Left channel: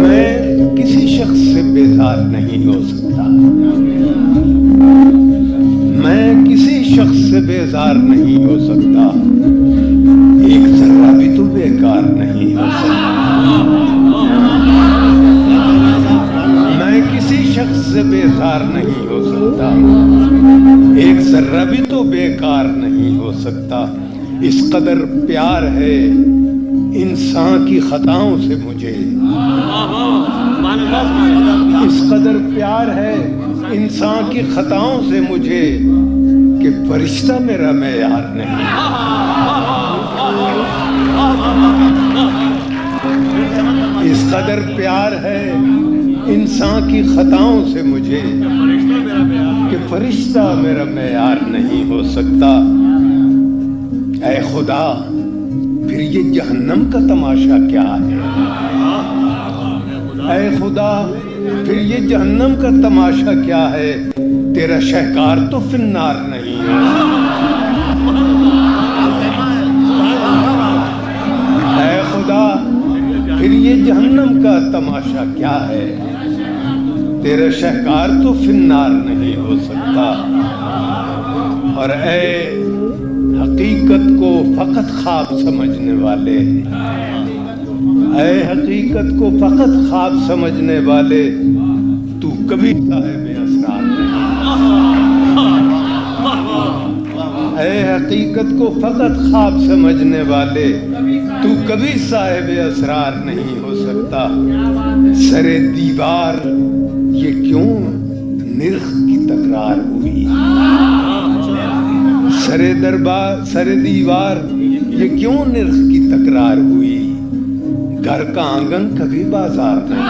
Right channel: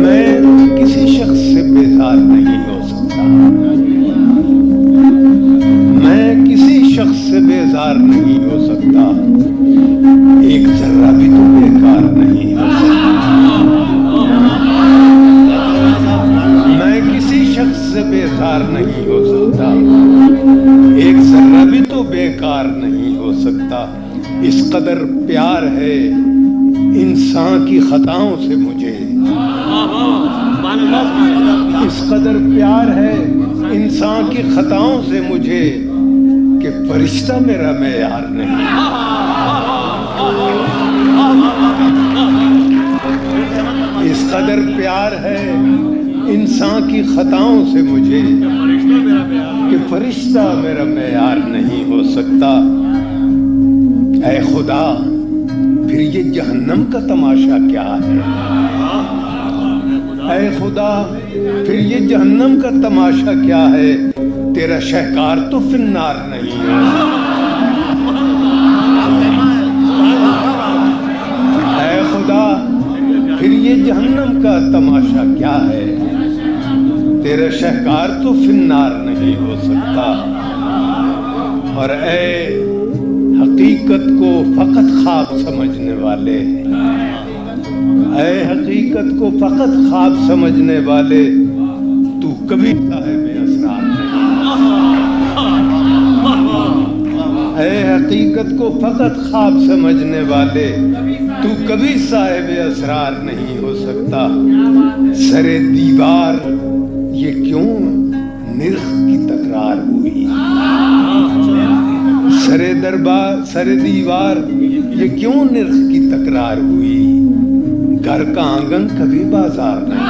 میں کسی شخص سے بیزار نہیں ہو سکتا، میں کسی شخص سے بیزار نہیں ہو سکتا، ایک ذرہ بھی تو بیکار نہیں ہو سکتا۔ میں کسی شخص سے بیزار نہیں ہو سکتا، ایک ذرہ بھی تو بیکار نہیں ہو سکتا۔ اس قدر پیار ہے انسان کی خطاؤں سے مجھے، اس قدر پیار ہے انسان کی خطاؤں سے مجھے کہ فرشتہ میرا معیار نہیں۔ اس قدر پیار ہے انسان کی خطاؤں سے مجھے کہ فرشتہ میرا معیار نہیں ہو سکتا۔ اے خدا پھر یہ جہنم کا تماشا کیا ہے؟ اے خدا پھر یہ جہنم کا تماشا کیا ہے؟ تیرا شہکار تو فی النار نہیں ہے۔ اے خدا پھر یہ جہنم کا تماشا کیا ہے؟ تیرا شہکار تو فی النار نہیں ہو سکتا۔ اور اے حقیقت کو فقط خواب سمجھنے والے، اے حقیقت کو فقط خواب سمجھنے والے، تو کبھی صاحب اسرار نہیں۔ اے حقیقت کو فقط خواب سمجھنے والے، تو کبھی صاحب اسرار نہیں ہو سکتا۔ سر دیوار یہ کیوں نرخ کی تکرار ہوئی؟ سر دیوار یہ کیوں نرخ کی تکرار ہوئی؟ گھر کا آنگن کبھی بازار نہیں۔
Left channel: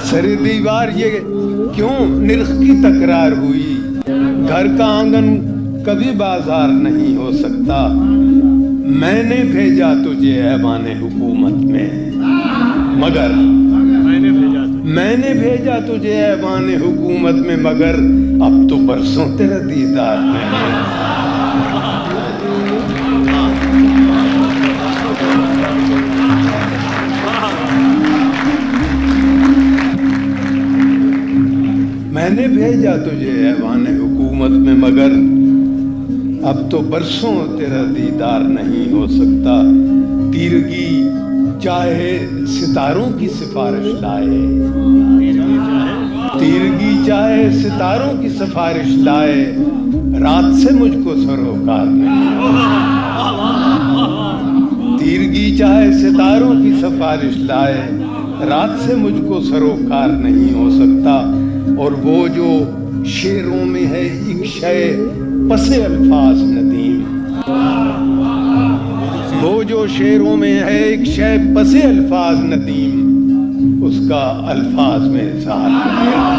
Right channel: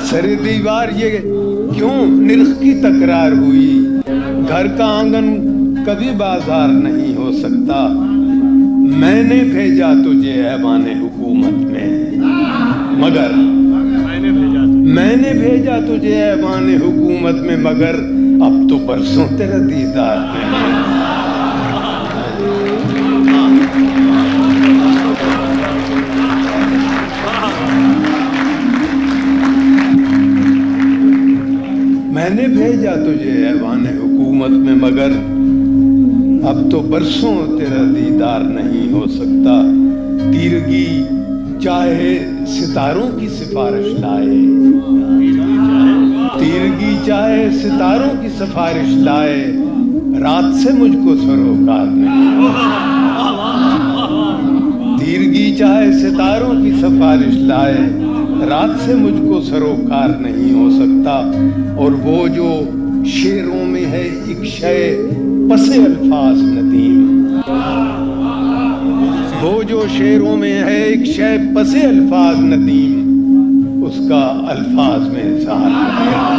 سر دیوار یہ کیوں نرخ کی تکرار ہوئی؟ گھر کا آنگن کبھی بازار نہیں ہو سکتا۔ میں نے بھیجا تجھے ایوان حکومت میں مگر، میں نے بھیجا تجھے ایوان حکومت میں مگر اب تو برسوں تیرا دیدار نہیں۔ میں نے بھیجا تجھے ایوان حکومت میں مگر اب تو برسوں تیرا دیدار نہیں ہو سکتا۔ تیرگی چاہے ستاروں کی سفارش لائے، تیرگی چاہے ستاروں کی سفارش لائے، رات سے مجھ کو سروکار نہیں۔ تیرگی چاہے ستاروں کی سفارش لائے، رات سے مجھ کو سروکار نہیں ہو سکتا۔ اور وہ جو شعروں میں ہے ایک شے پس الفاظ ندیم، وہ جو شعروں میں ہے ایک شے پس الفاظ ندیم، اس کا الفاظ میں اظہار نہیں۔